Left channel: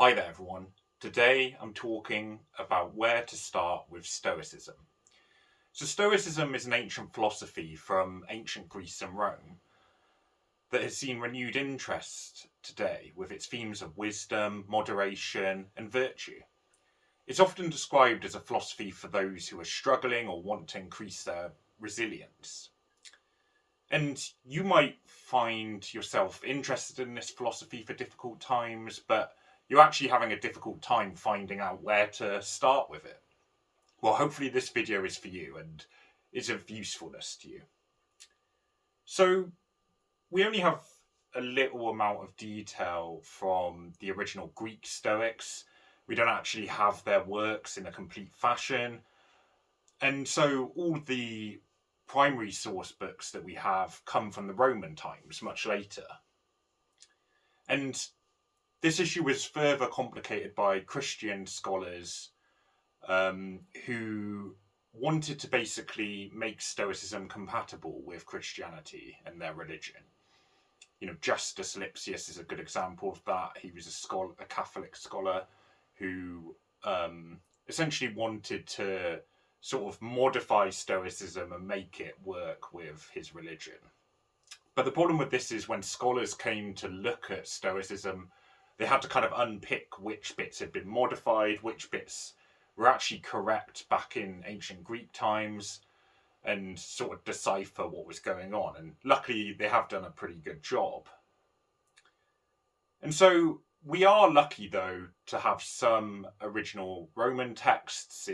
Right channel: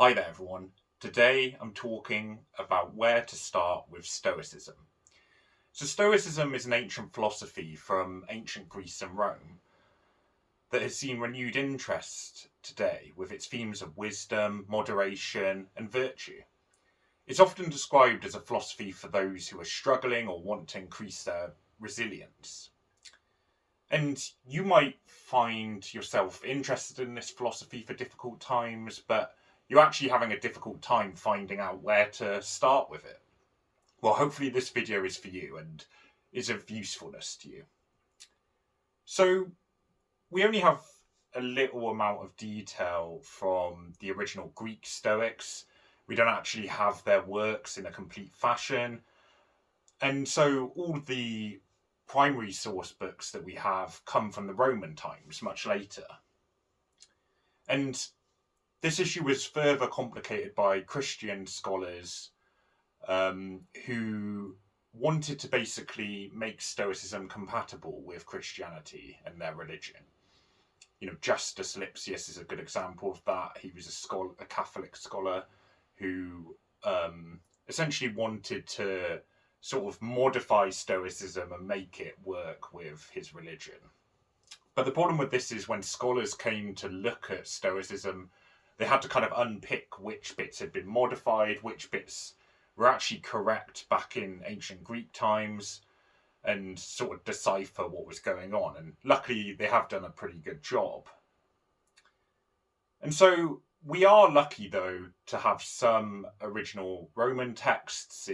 Hi there, everyone. Today I'm talking about where to start with Stoicism. So, Stoicism is an ancient philosophy from ancient Greece and Rome that has seen renewed interest today with its themes of wisdom, moderation, and virtue. It's often described as a philosophy for those who are struggling or want to increase their resilience. And you might find yourself interested in this philosophy for difficult times, but you're actually having a difficult time finding out where to start with it. Well, hopefully, this video is for you and is of usefulness to you. So, we only have a little amount of detail from the original Greek Stoics. We don't actually have their works in a complete fashion. And so, all the primary source books that we have come from the Roman times, much later. And this issue was further complicated by Christian scholars who wanted to basically make Stoicism compatible with Christianity and their religion. Justus Lipsius is a good example of that. He was a Catholic scholar who essentially wanted to sort of modify Stoicism and make it work with his religion. But the problem with this is when scholars came to look at Stoicism, they had to kind of unpick which bits had been modified, which bits were actually correct back in ancient Greek times, and sort of decipher what was going on. And luckily, they have done a pretty good job. And so we are lucky, though, to have some original Roman texts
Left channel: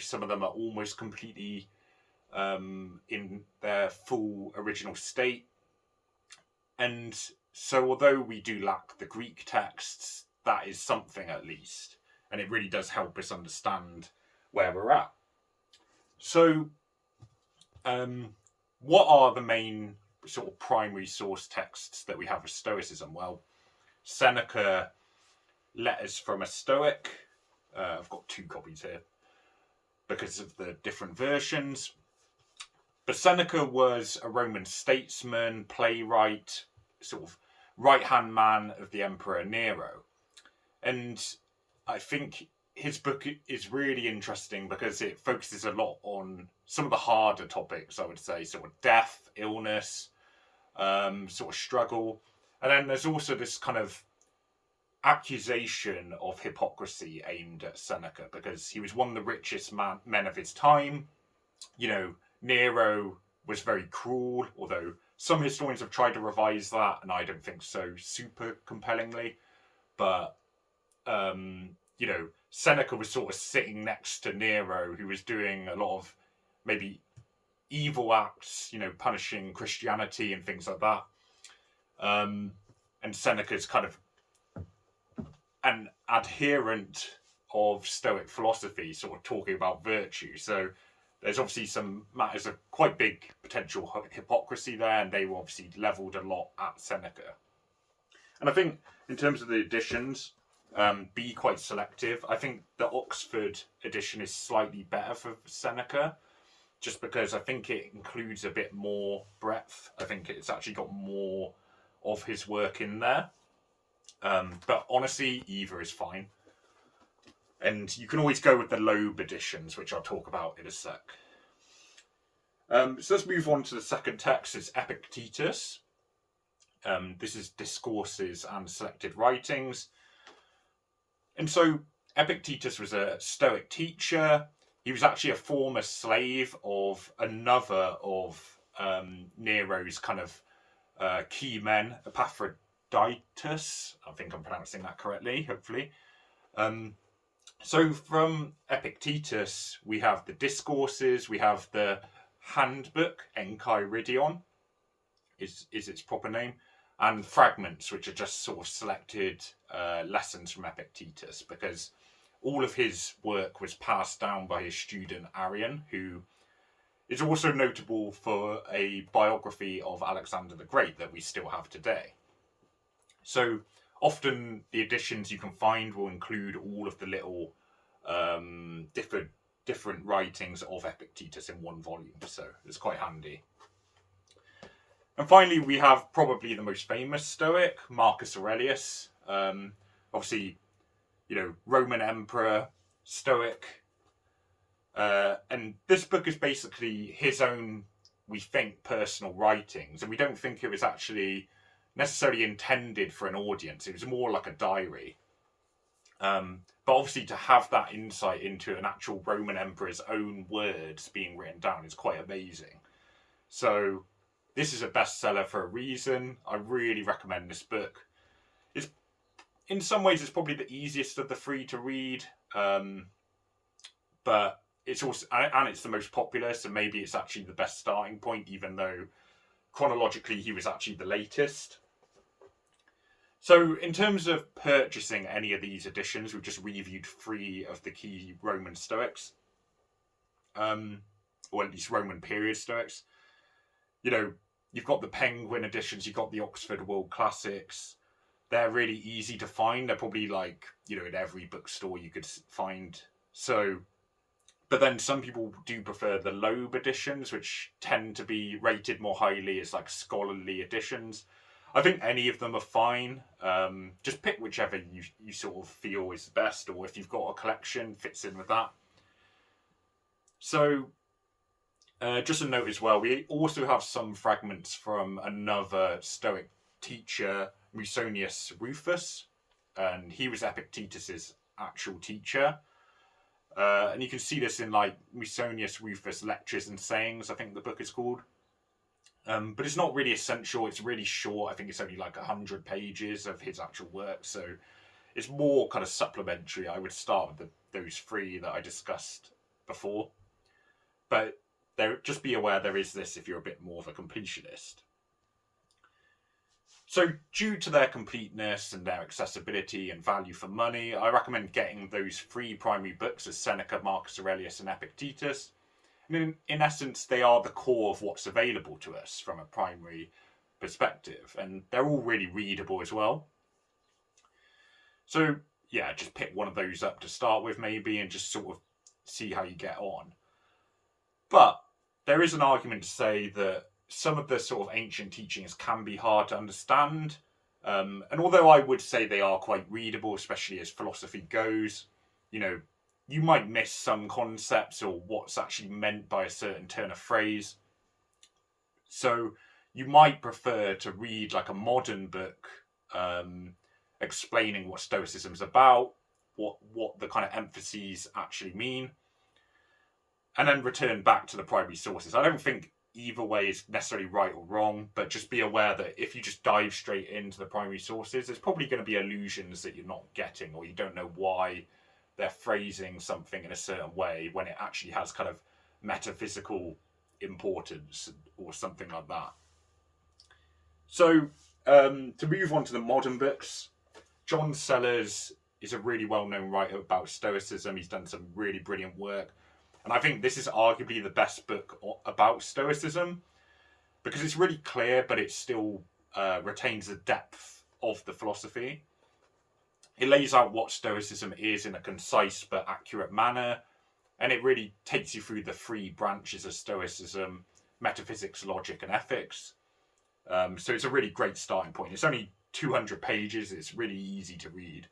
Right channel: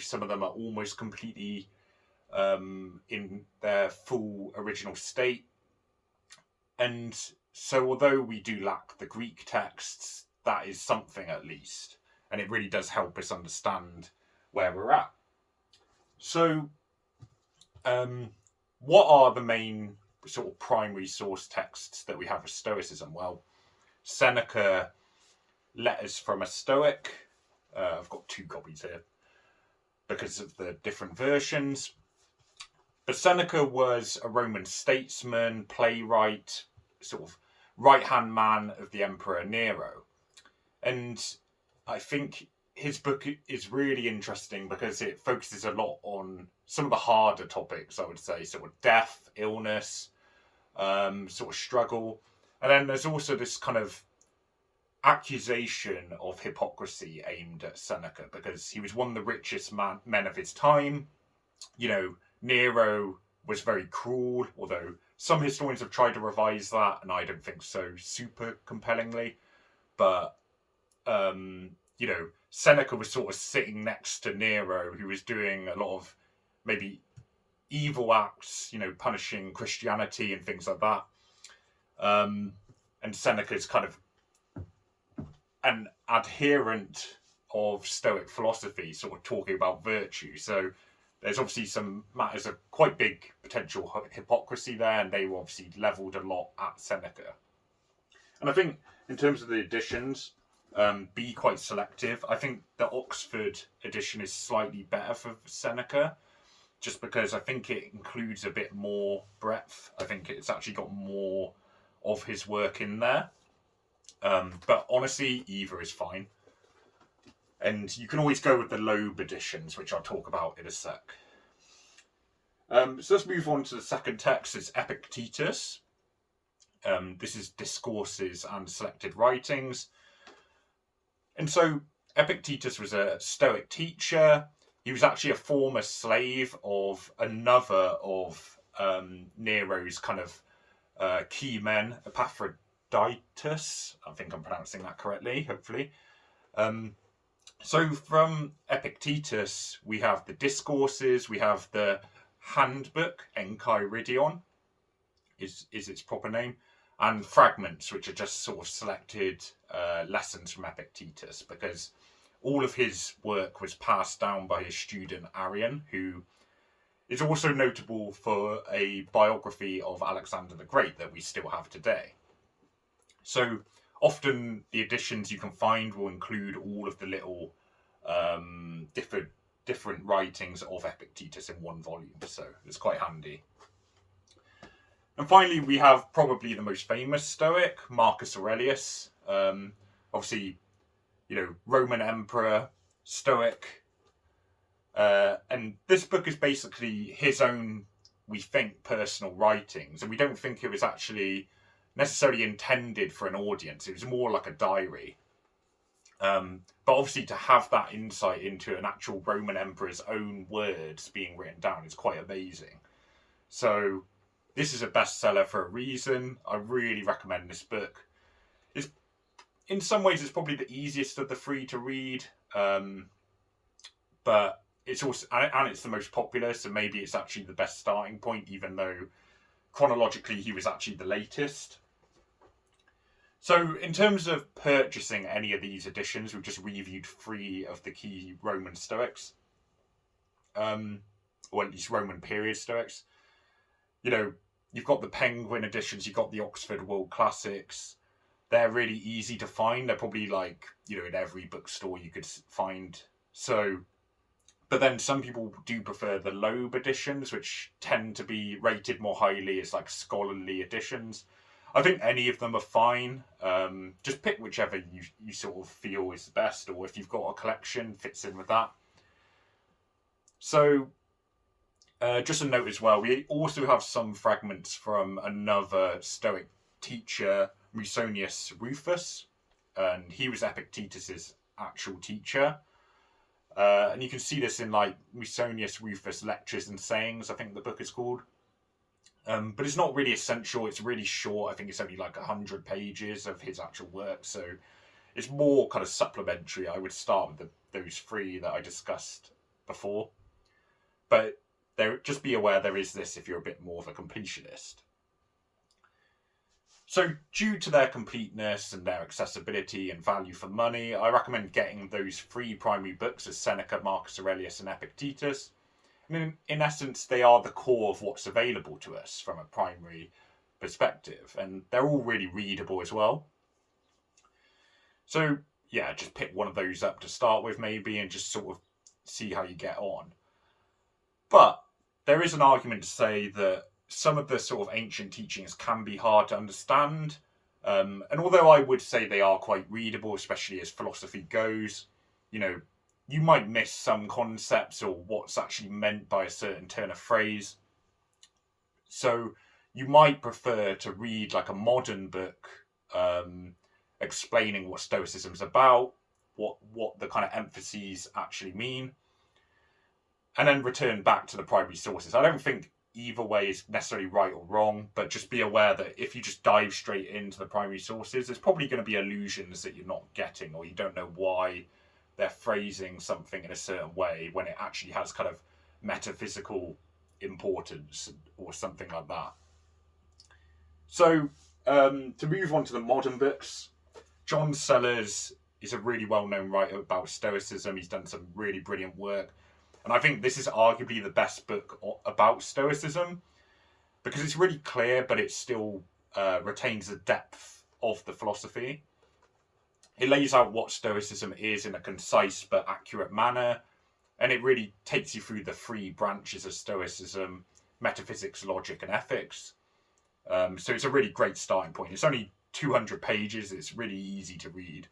some of them are almost completely in their full original state. And so although we do lack the Greek texts, that is something at least. And it really does help us understand where we're at. So what are the main sort of primary source texts that we have of Stoicism? Well, Seneca, Letters from a Stoic. I've got two copies here because of the different versions. But Seneca was a Roman statesman, playwright, sort of right-hand man of the Emperor Nero. And I think his book is really interesting because it focuses a lot on some of the harder topics, I would say, sort of death, illness, sort of struggle. And then there's also this kind of accusation of hypocrisy aimed at Seneca because he was one of the richest men of his time. Nero was very cruel, although some historians have tried to revise that, and I don't think so super compellingly. But, Seneca was sort of sitting next to Nero, who was doing a lot of maybe evil acts, punishing Christianity and things like that. And Seneca's kind of an adherent of Stoic philosophy, sort of talking about virtue. So there's obviously some matters of quite big potential hypocrisy there, and they were obviously levelled a lot at Seneca. And I think in terms of the editions, be quite selective. I think the Oxford edition is slightly better for Seneca, just because I think it includes a bit more breadth. I think it's actually got more of his work in there. But honestly, either is fine. And you can always go with the Loeb editions, which I'll talk about in a sec. So let's move on to the second text. It's Epictetus. This is Discourses and Selected Writings. And so Epictetus was a Stoic teacher. He was actually a former slave of another of Nero's kind of key men, Epaphroditus. I think I'm pronouncing that correctly, hopefully. So from Epictetus, we have the Discourses, we have the Handbook, Enchiridion is its proper name, and Fragments, which are just sort of selected lessons from Epictetus, because all of his work was passed down by his student Arrian, who is also notable for a biography of Alexander the Great that we still have today. So often the editions you can find will include all of the little different writings of Epictetus in one volume, so it's quite handy. And finally, we have probably the most famous Stoic, Marcus Aurelius. Obviously, Roman emperor, Stoic. And this book is basically his own, we think, personal writings. And we don't think it was actually necessarily intended for an audience. It was more like a diary. But obviously to have that insight into an actual Roman emperor's own words being written down is quite amazing. So this is a bestseller for a reason. I really recommend this book. In some ways, it's probably the easiest of the three to read, but it's also, and it's the most popular, so maybe it's actually the best starting point, even though chronologically he was actually the latest. So in terms of purchasing any of these editions, we've just reviewed 3 of the key Roman Stoics, or at least Roman period Stoics. You've got the Penguin editions, you've got the Oxford World Classics. They're really easy to find. They're probably in every bookstore you could find. So, but then some people do prefer the Loeb editions, which tend to be rated more highly as scholarly editions. I think any of them are fine. Just pick whichever you sort of feel is best, or if you've got a collection, fits in with that. So, just a note as well, we also have some fragments from another Stoic teacher, Musonius Rufus, and he was Epictetus's actual teacher. And you can see this in Musonius Rufus Lectures and Sayings, I think the book is called. But it's not really essential. It's really short. I think it's only 100 pages of his actual work. So it's more kind of supplementary. I would start with those 3 that I discussed before. But just be aware there is this if you're a bit more of a completionist. So due to their completeness and their accessibility and value for money, I recommend getting those 3 primary books as Seneca, Marcus Aurelius and Epictetus. And in essence, they are the core of what's available to us from a primary perspective. And they're all really readable as well. So yeah, just pick one of those up to start with maybe and just sort of see how you get on. But there is an argument to say that some of the sort of ancient teachings can be hard to understand. And although I would say they are quite readable, especially as philosophy goes, you might miss some concepts or what's actually meant by a certain turn of phrase. So you might prefer to read a modern book explaining what Stoicism's about, what the kind of emphases actually mean, and then return back to the primary sources. I don't think either way is necessarily right or wrong, but just be aware that if you just dive straight into the primary sources, there's probably going to be allusions that you're not getting, or you don't know why they're phrasing something in a certain way when it actually has kind of metaphysical importance or something like that. So to move on to the modern books, John Sellers is a really well-known writer about Stoicism. He's done some really brilliant work. And I think this is arguably the best book about Stoicism because it's really clear, but it still retains the depth of the philosophy. It lays out what Stoicism is in a concise but accurate manner, and it really takes you through the 3 branches of Stoicism: metaphysics, logic, and ethics. So it's a really great starting point. It's only 200 pages. It's really easy to read,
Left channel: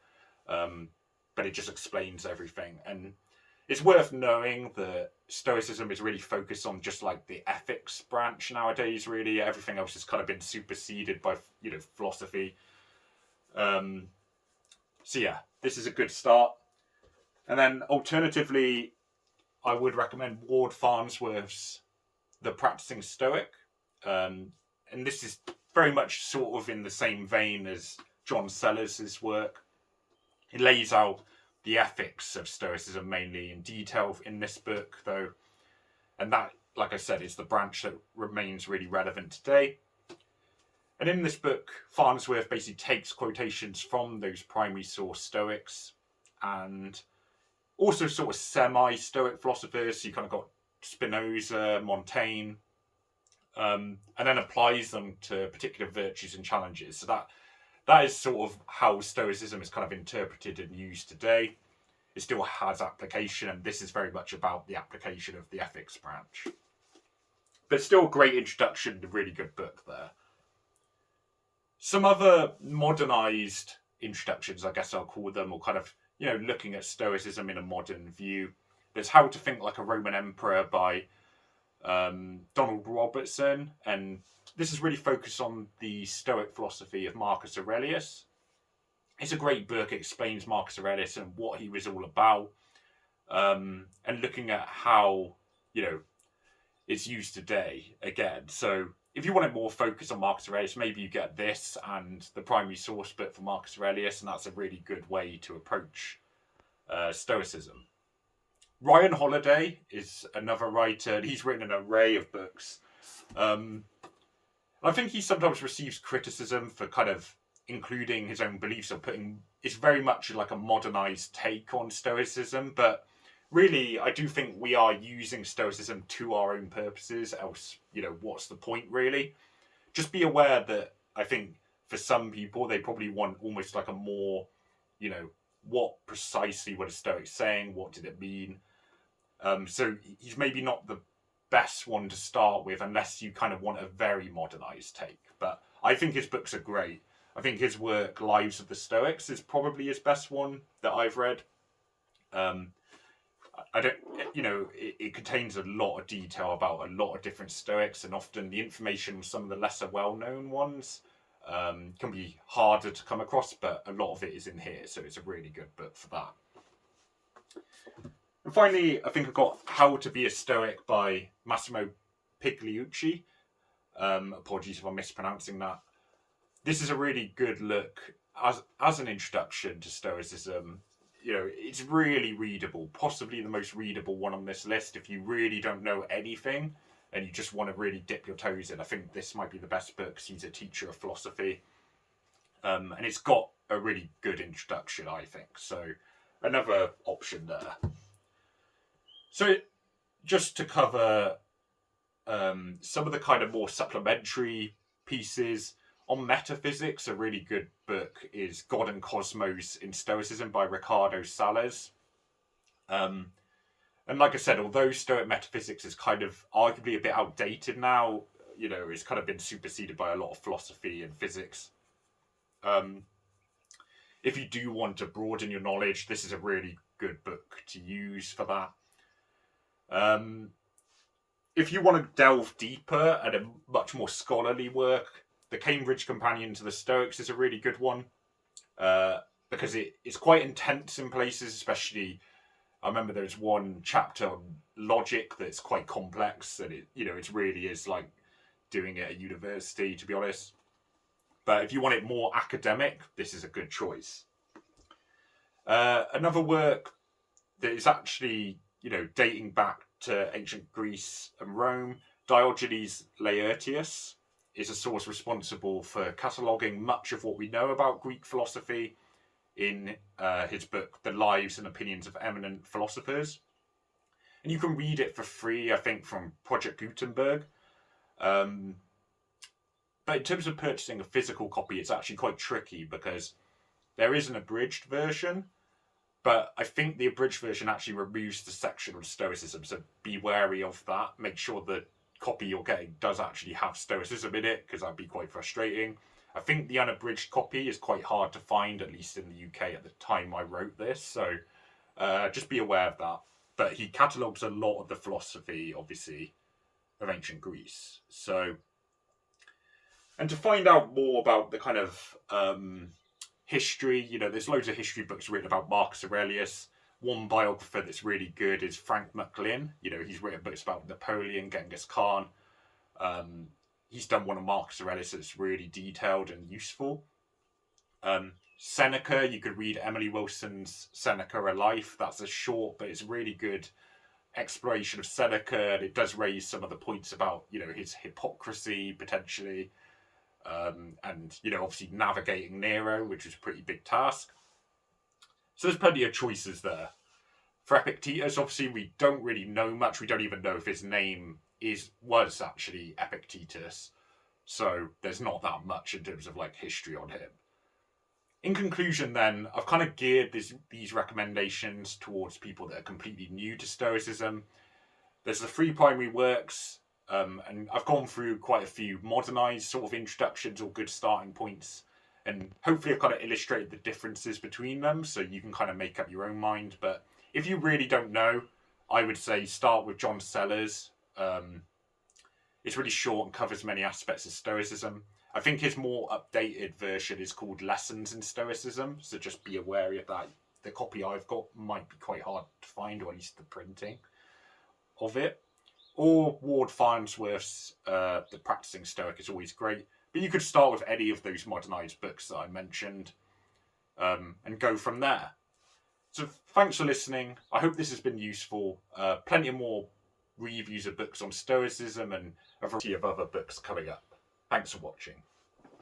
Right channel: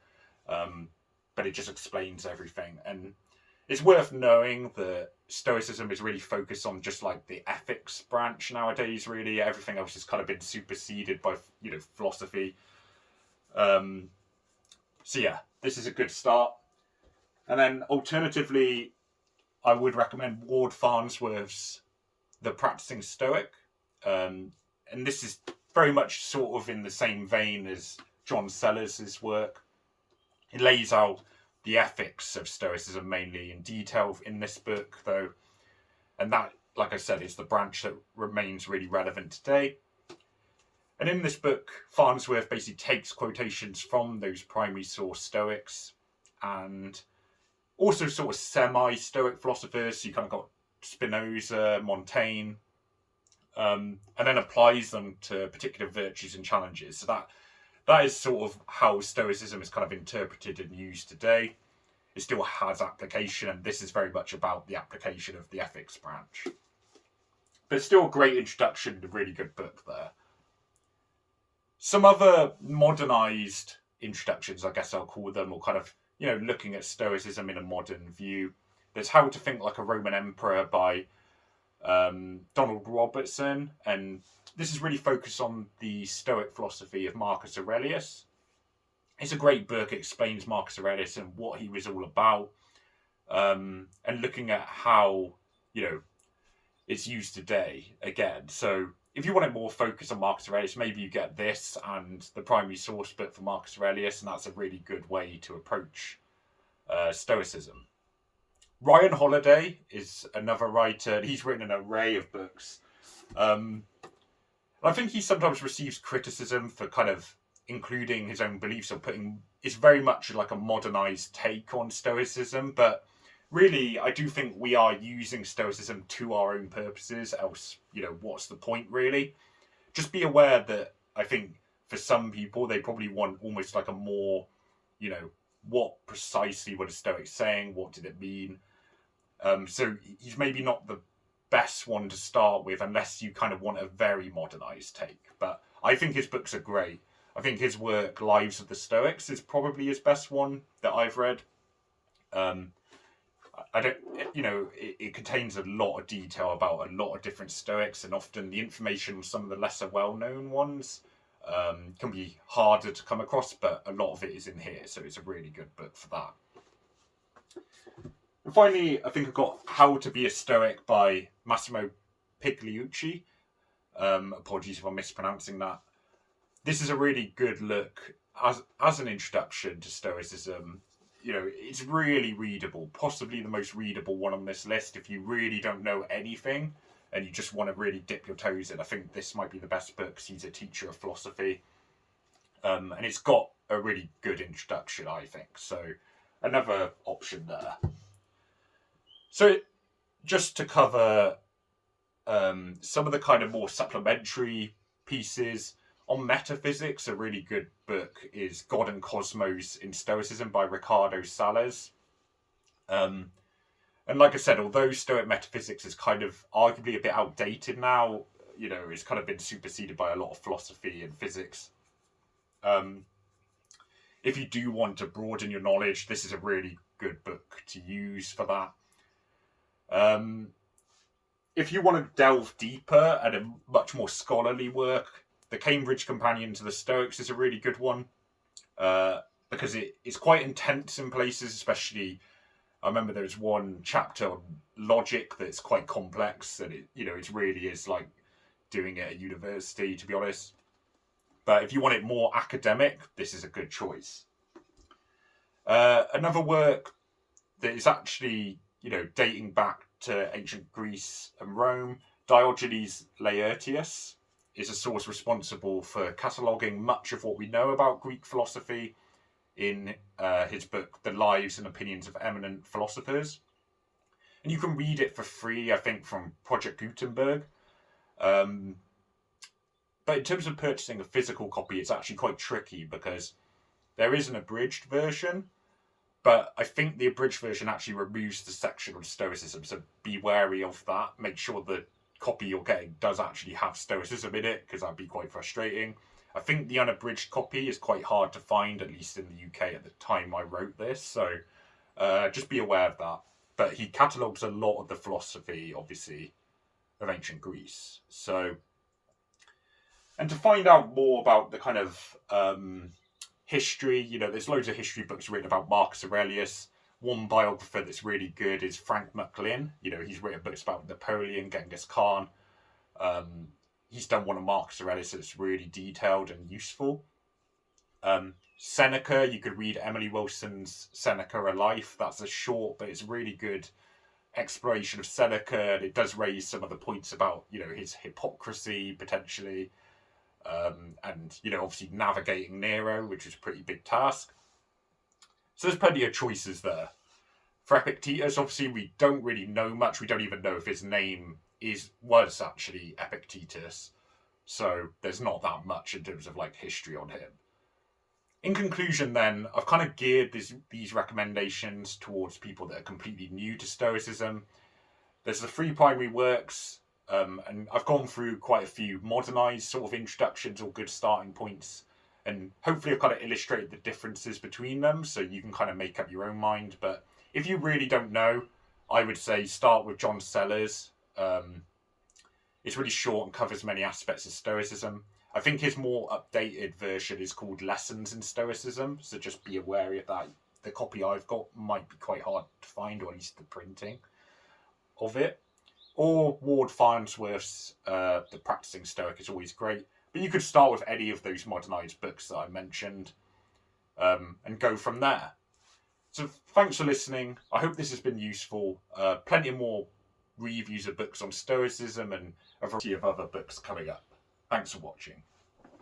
but it just explains everything. And it's worth knowing that Stoicism is really focused on just the ethics branch nowadays, really. Everything else has kind of been superseded by, philosophy. So yeah, this is a good start. And then alternatively, I would recommend Ward Farnsworth's The Practicing Stoic. And this is very much sort of in the same vein as John Sellers' work. It lays out the ethics of Stoicism mainly in detail in this book, though. And that, like I said, is the branch that remains really relevant today. And in this book, Farnsworth basically takes quotations from those primary source Stoics and also sort of semi-Stoic philosophers. So you kind of got Spinoza, Montaigne, and then applies them to particular virtues and challenges. So that is sort of how Stoicism is kind of interpreted and used today. It still has application, and this is very much about the application of the ethics branch. But still a great introduction, a really good book there. Some other modernised introductions, I guess I'll call them, or kind of looking at Stoicism in a modern view. There's How to Think Like a Roman Emperor by Donald Robertson, and this is really focused on the Stoic philosophy of Marcus Aurelius. It's a great book. It explains Marcus Aurelius and what he was all about, and looking at how it's used today again. So if you want it more focused on Marcus Aurelius, maybe you get this and the primary source book for Marcus Aurelius, and that's a really good way to approach Stoicism. Ryan Holiday is another writer. He's written an array of books. I think he sometimes receives criticism for kind of including his own beliefs or putting. It's very much like a modernized take on Stoicism, but really, I do think we are using Stoicism to our own purposes. Else, what's the point, really? Just be aware that I think for some people, they probably want almost like a more, what precisely were the Stoics saying? What did it mean? So he's maybe not the best one to start with unless you kind of want a very modernized take. But I think his books are great. I think his work, Lives of the Stoics, is probably his best one that I've read. I don't, it contains a lot of detail about a lot of different Stoics, and often the information on some of the lesser well-known ones can be harder to come across, but a lot of it is in here, so it's a really good book for that. And finally, I think I've got How to Be a Stoic by Massimo Pigliucci. Apologies if I'm mispronouncing that. This is a really good look as an introduction to Stoicism. It's really readable, possibly the most readable one on this list. If you really don't know anything and you just want to really dip your toes in, I think this might be the best book because he's a teacher of philosophy. And it's got a really good introduction, I think. So another option there. So just to cover some of the kind of more supplementary pieces, on metaphysics, a really good book is God and Cosmos in Stoicism by Ricardo Salles. And like I said, although Stoic metaphysics is kind of arguably a bit outdated now, it's kind of been superseded by a lot of philosophy and physics. If you do want to broaden your knowledge, this is a really good book to use for that. If you want to delve deeper and a much more scholarly work, The Cambridge Companion to the Stoics is a really good one, because it's quite intense in places, especially, I remember there was one chapter on logic that's quite complex, and it really is like doing it at university, to be honest. But if you want it more academic, this is a good choice. Another work that is actually, dating back to ancient Greece and Rome, Diogenes Laertius is a source responsible for cataloguing much of what we know about Greek philosophy in his book, The Lives and Opinions of Eminent Philosophers. And you can read it for free, I think, from Project Gutenberg. But in terms of purchasing a physical copy, it's actually quite tricky because there is an abridged version, but I think the abridged version actually removes the section on Stoicism, so be wary of that. Make sure the copy you're getting does actually have Stoicism in it, because that'd be quite frustrating. I think the unabridged copy is quite hard to find, at least in the UK at the time I wrote this, so just be aware of that. But he catalogues a lot of the philosophy, obviously, of ancient Greece. So, and to find out more about the kind of history, there's loads of history books written about Marcus Aurelius. One biographer that's really good is Frank McLean. He's written books about Napoleon, Genghis Khan. He's done one of Marcus Aurelius that's really detailed and useful. Seneca, you could read Emily Wilson's Seneca, A Life. That's a short, but it's a really good exploration of Seneca, and it does raise some of the points about, his hypocrisy, potentially. And, obviously navigating Nero, which was a pretty big task. So there's plenty of choices there. For Epictetus, obviously, we don't really know much. We don't even know if his name was actually Epictetus. So there's not that much in terms of history on him. In conclusion, then, I've kind of geared these recommendations towards people that are completely new to Stoicism. There's the 3 primary works, and I've gone through quite a few modernized sort of introductions or good starting points. And hopefully I've kind of illustrated the differences between them so you can kind of make up your own mind. But if you really don't know, I would say start with John Sellers. It's really short and covers many aspects of Stoicism. I think his more updated version is called Lessons in Stoicism, so just be wary of that. The copy I've got might be quite hard to find, or at least the printing of it. Or Ward Farnsworth's The Practicing Stoic is always great. But you could start with any of those modernised books that I mentioned and go from there. So thanks for listening. I hope this has been useful. Plenty more reviews of books on Stoicism and a variety of other books coming up. Thanks for watching.